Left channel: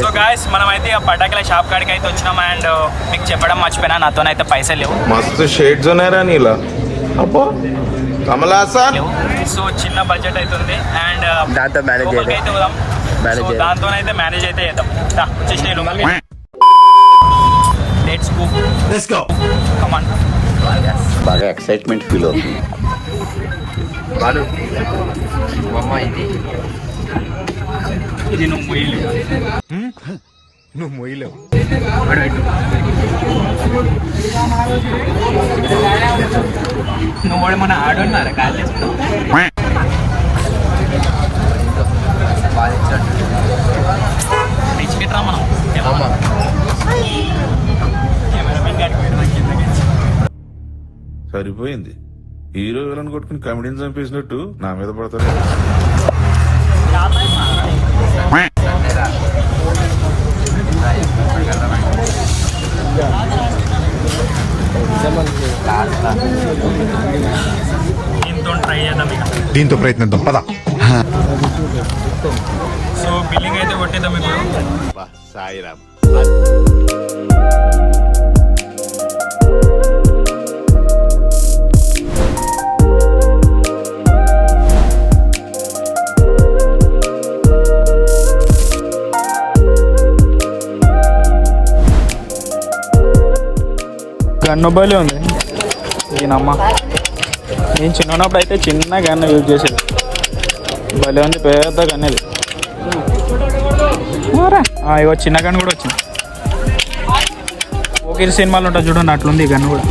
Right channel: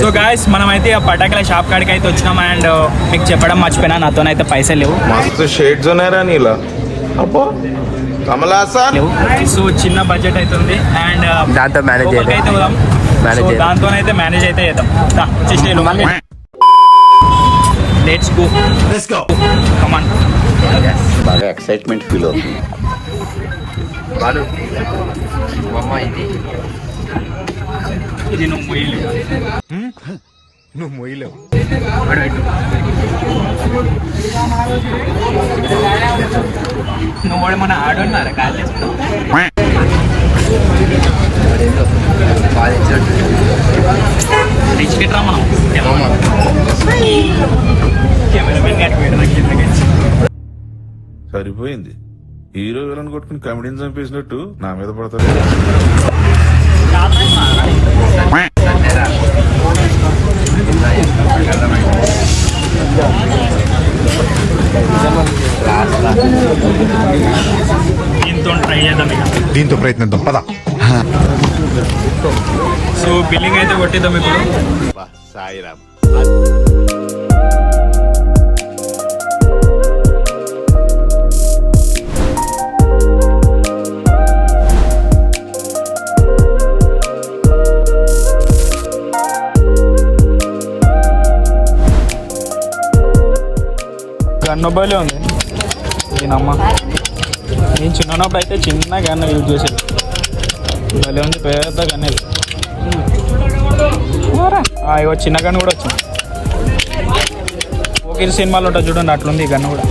So guys మనమైతే పటాకుల shop కాడికి అయితే వచ్చినాం. అండ్ మీకు చెప్పడం మర్చిపోయినా, నాతోనైతే పైసలు లేవు. మస్తు షేడ్స్ ఉన్నాయరా నీలా. అబ్బో కమలాసన్. సో చిన్న బడ్జెట్ అవుతుంది అండ్ లోపలికి అయితే పోదాం. సో దాంతోనైతే మేనేజ్ అయితే చేద్దాం. Let's go come on. బాగా ఎక్సైట్మెంట్ ఫీల్ అవుతుంది. ఇది నువ్వు మొయ్యలేవు. నువ్వు మన ఆడున్నారా కాల్ చేసుకున్నావు. రిచ్ కిట్ రా మనం. కెమెరామెన్ గారికి వేయడం సరిపోయింది. హీరో విలన్ కొట్టుకుని కమెడీని చంపేసినట్టు నా మీద పడతారు. దీంతో ప్రయత్నిద్దాం పద. సో బిల్లింగ్ అయితే కొట్టేద్దాం ఇప్పుడు. సాయిరామ్. గన్నబలి ఉంది ఈయనమ్మ. నేను చిన్నప్పుడు అయితే చిన్న గన్న యూజ్ చేసేది. బలి ఉంది పెద్ద గన్నది. ఇగో చిన్న గన్ను కూడా వచ్చింది. ఓకే సినిమాలు ఉంటుంది చూడండి, అట్లుంది ఈ గన్ను కూడా.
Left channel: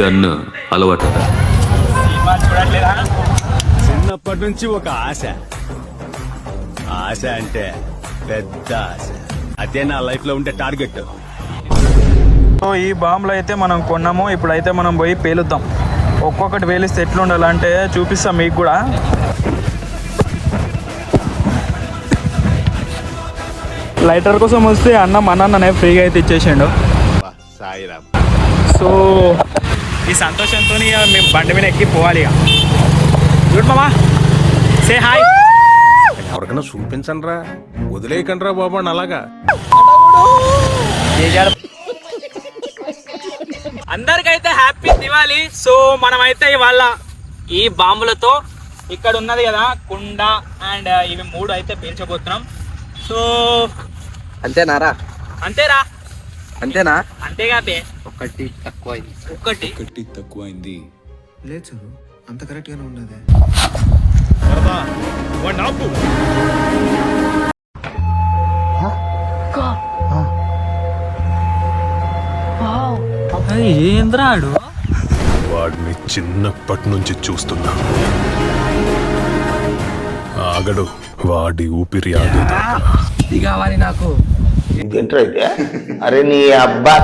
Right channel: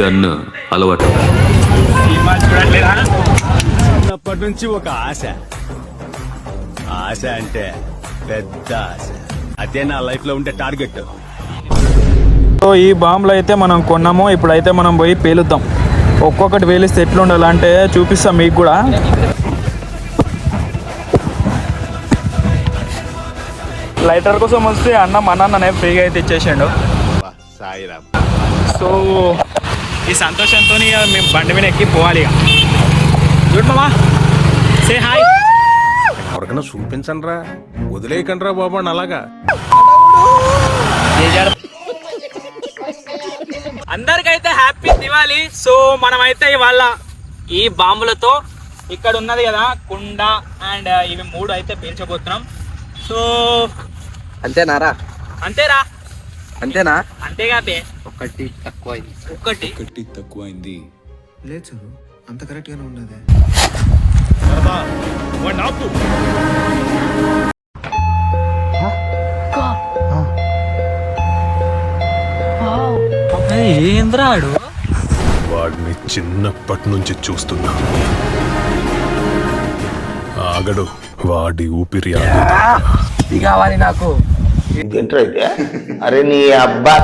గన్ను అలవాటు. చిన్నప్పటి నుంచి ఒక ఆశ. ఆశ అంటే పెద్ద ఆశ. అదే నా లైఫ్ లో ఉండే టార్గెట్. సో ఈ బాంబులు అయితే మనం కొన్నాము. ఇప్పుడైతే మనం పోయి పేలుద్దాం. ఒక్కొక్కటి పేలిస్తే ఎట్లుండాలంటే చూపిస్తాం మీకు కూడా. లైటర్ కోసం వస్తే అన్ననే ఫ్రీగా అయితే ఇచ్చేసాడు. సాయిరామ్. సో ఈ సంతోషంతో మేము బండి మీద ఎక్కి పోవాలి. ఇక చూడు మామా, సే హాయ్. ఎవరికైనా చూపించండి రా, వదిలేయకండి రా బాబు అని అలాగా. అందరికైతే హ్యాపీ దివాళీ. సో మనమైతే ఇవాళ ఈ బాంబులతో ఇక్కడ ఉన్నది కదా కుండ అండ్ ఇవి 3 అయితే పేల్చబోతున్నాం. సో అంతేనారా? అంతేరా, అంతేనా? అంతేగా బే. ఒకటి తక్కువైంది. లేదు అంత కరెక్ట్ గానే ఉన్నది. ఏంద్రాడు వాడిని చిన్నప్పటి నుంచి చూస్తున్నా. ఆగడు, వాడి ఊపిరి ఆగదు. ఇది కావాలి నాకు. అరే నీ అబ్బా.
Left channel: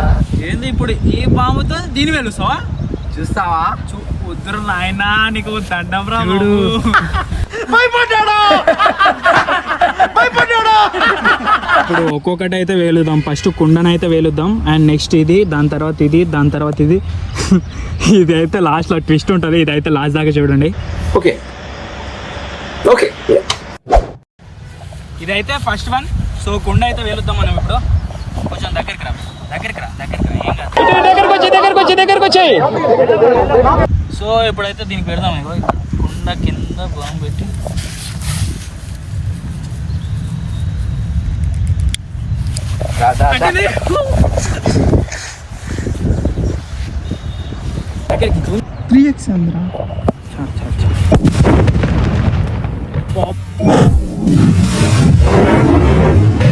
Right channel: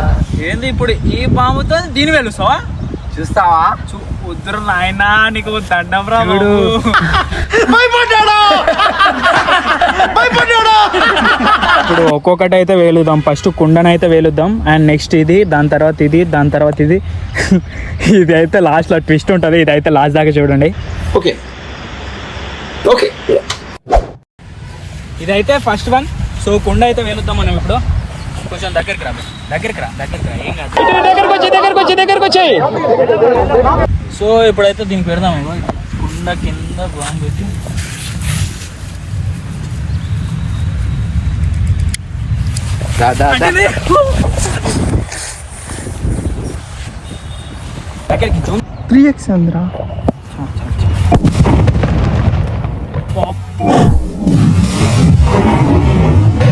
ఏంది ఇప్పుడు ఈ బాంబుతో దీని వెలుస్తావా? చూస్తావా? వద్దురు నాయనా, నీకు దండం రా. ఇప్పుడు ఒక్కొక్కటి అయితే వేలుద్దాం. ఫస్ట్ కుండనైతే వేలుద్దాం అండ్ నెక్స్ట్ ఇది, దాని తర్వాత ఇది, దాని తర్వాత ఇది. ఇది అయితే లాస్ట్ లో ట్విస్ట్ ఉంటుంది. ఇది అయితే లాస్ట్ దాకా చూడండి. Okay okay. ఇదైతే ఫస్ట్ వన్. సో కుండ అయితే వేలుద్దాం మనం ఇప్పుడు. కొంచెం దగ్గరికి రా. దగ్గరికి వచ్చి. సో ఇప్పుడైతే దీనికి పెడదాం. కుండ కింద బాంబు పెట్టి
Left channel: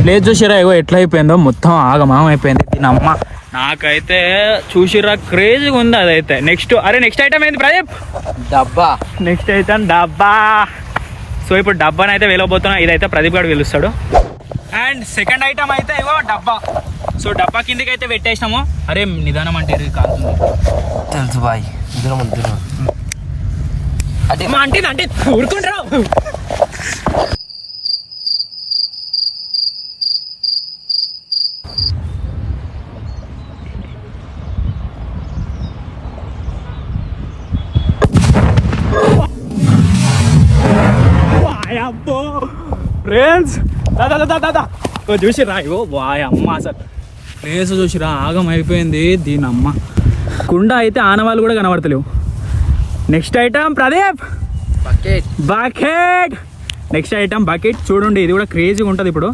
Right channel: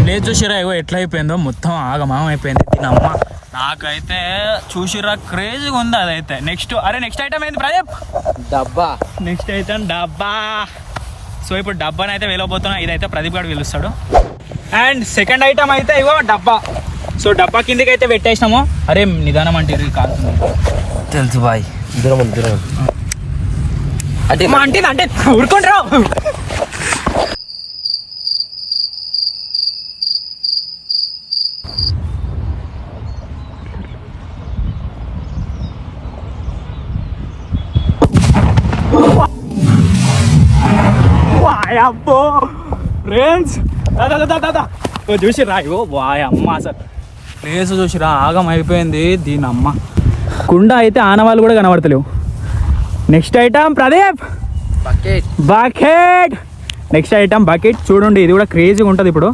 లేదు చూసిరా, ఇగో ఎట్లా అయిపోయిందో మొత్తం ఆగమాగం అయిపోయింది. దీనమ్మ నాకైతే చూసిరా క్రేజీగా ఉంది అదైతే. నెక్స్ట్ ఐటమ్ ఏంది ప్రదీప్? డబ్బా. నెక్స్ట్ ఐటమ్ డబ్బా. సో ఇప్పుడు డబ్బాని అయితే వెళ్ళబోతున్నా. ఇదైతే ప్రదీప్ గారు పిలుస్తాడు. అండ్ సెకండ్ ఐటమ్ అయితే ఇగో డబ్బా. సో డబ్బా కిందకి అయితే పెట్టేసినాము. అరే నిదానం అంటే కాలుతుంది. తెలుసు బాయ్. అంటే ఊరుకుంటారా? అబ్బో ఫ్రెండ్స్ దాదా చూసిరా ఇగో వాయ్ అమ్మ అసలు ప్లేస్ చూసిరా ఆగం అయిపోయింది దీని అమ్మ. కుండ అయితే ఆనవాళ్ళు కూడా కనబడతలేవు. Next item Pradeep bucket. Next item bucket చూడండి, ఇది కూడా క్రేజీగా ఉంటుంది. ఇప్పుడు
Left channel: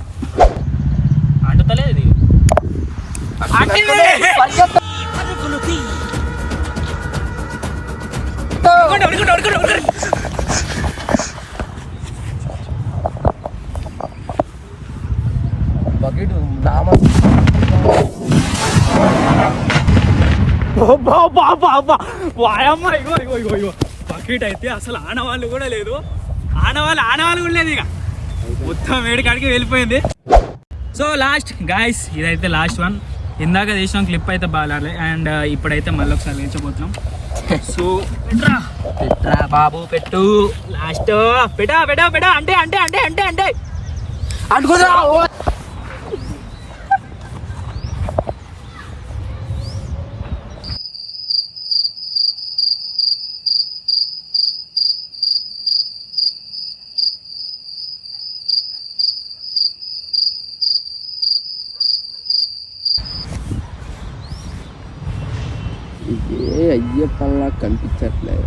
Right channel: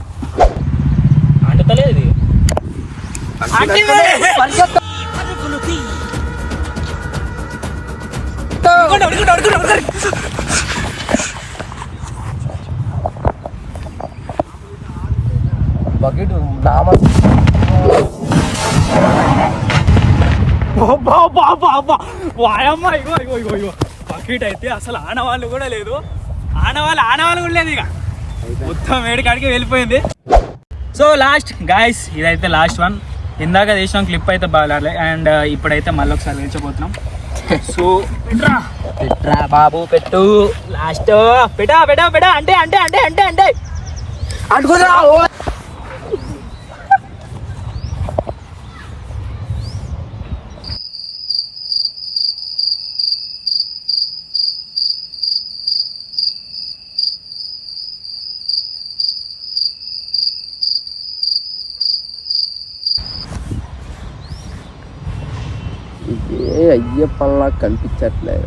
అంటలేదు ఇది బకెట్ వాయమ్మ ఇగో ఇగో ఇగో ఇగో బకెట్ అయితే అసలు ఆనవాళ్ళు కూడా లేదు. ఆనవాళ్ళు కూడా లేదు. ఇక మొత్తం వేడికాడికి వెళ్ళిపోయింది. సో లాస్ట్ గాయస్, ఇదైతే లాస్ట్ వన్. ఇందాక చేసిన క్లిప్ అయితే బాగాలే అండ్ ఇప్పుడైతే మళ్ళీ ఒకసారి వేయించబోతున్నాం. సో పెట్టరా బాబు పెట్టు. లాస్ట్ పెట్టా అంటే అంటే అంటే అంటే అంటే అడుగుదా ఇదే అయ్యప్పల్లా కనిపించట్లేదు.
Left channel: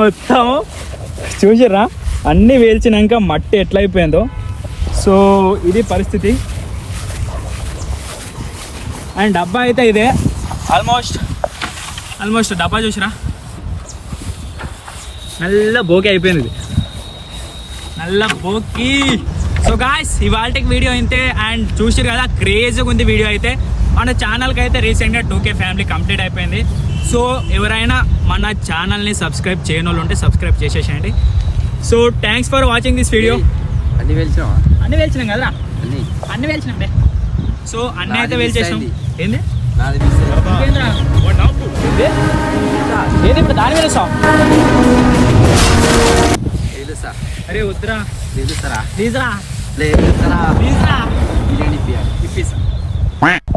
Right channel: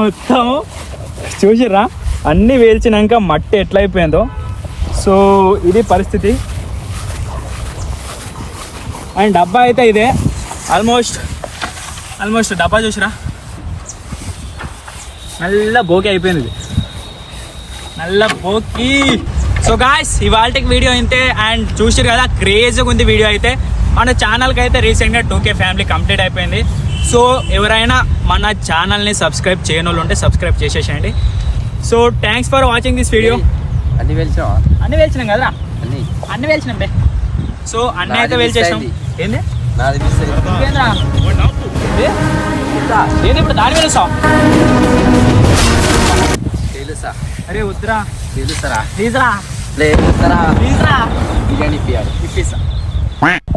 మొత్తం చూసిర్రా అన్నీ వేల్చినాక మట్టి ఎట్లయిపోయిందో. సో ఇది పరిస్థితి. అండ్ డబ్బా అయితే ఇదే ఆల్మోస్ట్ డబ్బా చూసిరా నల్ల బోకి అయిపోయింది. ఇది నల్ల బోకి. సో గాయ్స్ ఇవాళకి వీడియో అయితే అండ్ చూసిరు కదా క్రేజ్గా ఉంది వీడియో అయితే. మన ఛానల్కి అయితే రీసెంట్గా 2K ఫ్యామిలీ కంప్లీట్ అయిపోయింది. సో ఎవరైనా మన ఛానల్ని సబ్స్క్రైబ్ చేయని వాళ్ళు ఉంటే సబ్స్క్రైబ్ చేసేసేయండి. So thanks for watching this video. అన్ని వెళ్చావా? అన్ని వేల్చినాం కదరా, అన్ని వేల్చినాం బే. సో అన్నీ అయితే వేల్చేసాం. ఏంది నాది ఇంకేంద్రా? ఏది ఇప్పుడు దాని వేసాం. తెలుసా? అరే వద్దురా తెలుసరా? ప్లీజ్రా తెలుసరా? ప్లీజ్రా బిర్యానీ ఇప్పియాలి. ఇప్పిస్తా.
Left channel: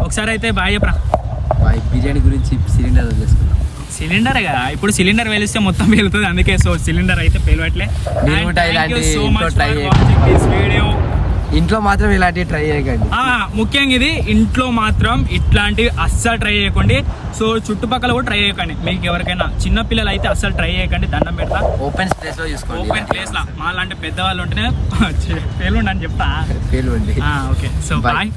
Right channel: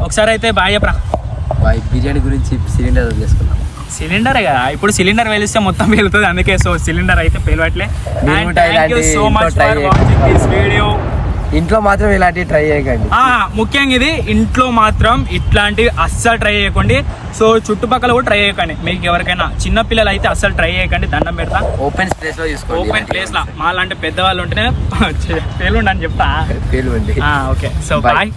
ఒకసారి అయితే బాయ్ చెప్పరా. బిర్యానీ గురించి సిలిండర్ చేసుకున్నాం. సిలిండర్ కదా ఇప్పుడు సిలిండర్ వెలిస్తే మొత్తం వెళ్తుంది, అందుకే సో సిలిండర్ అయితే పేలవట్లే. And thank you so much for watching this video. ఇంట్లో మాత్రం ఇలాంటివి ట్రై చేయకండి. ముఖ్యంగా ఇది ఇంట్లో మాత్రం ఇట్లాంటివి అస్సలు ట్రై చేయకండి. సో చుట్టుపక్కల కూడా ట్రై చేయకండి. మీకు ఎవరికైనా చిన్న పిల్లలు అయితే అస్సలు ట్రై చేయకండి, దండం పెడతా. ఓపెన్ ప్లేస్ లో చూసుకోండి. ఓపెన్ ప్లేస్ లా మా లాంటి పెద్దవాళ్ళు ఉంటేనే పేలుండి అని చెప్తా. పేలుండి. Okay so bye.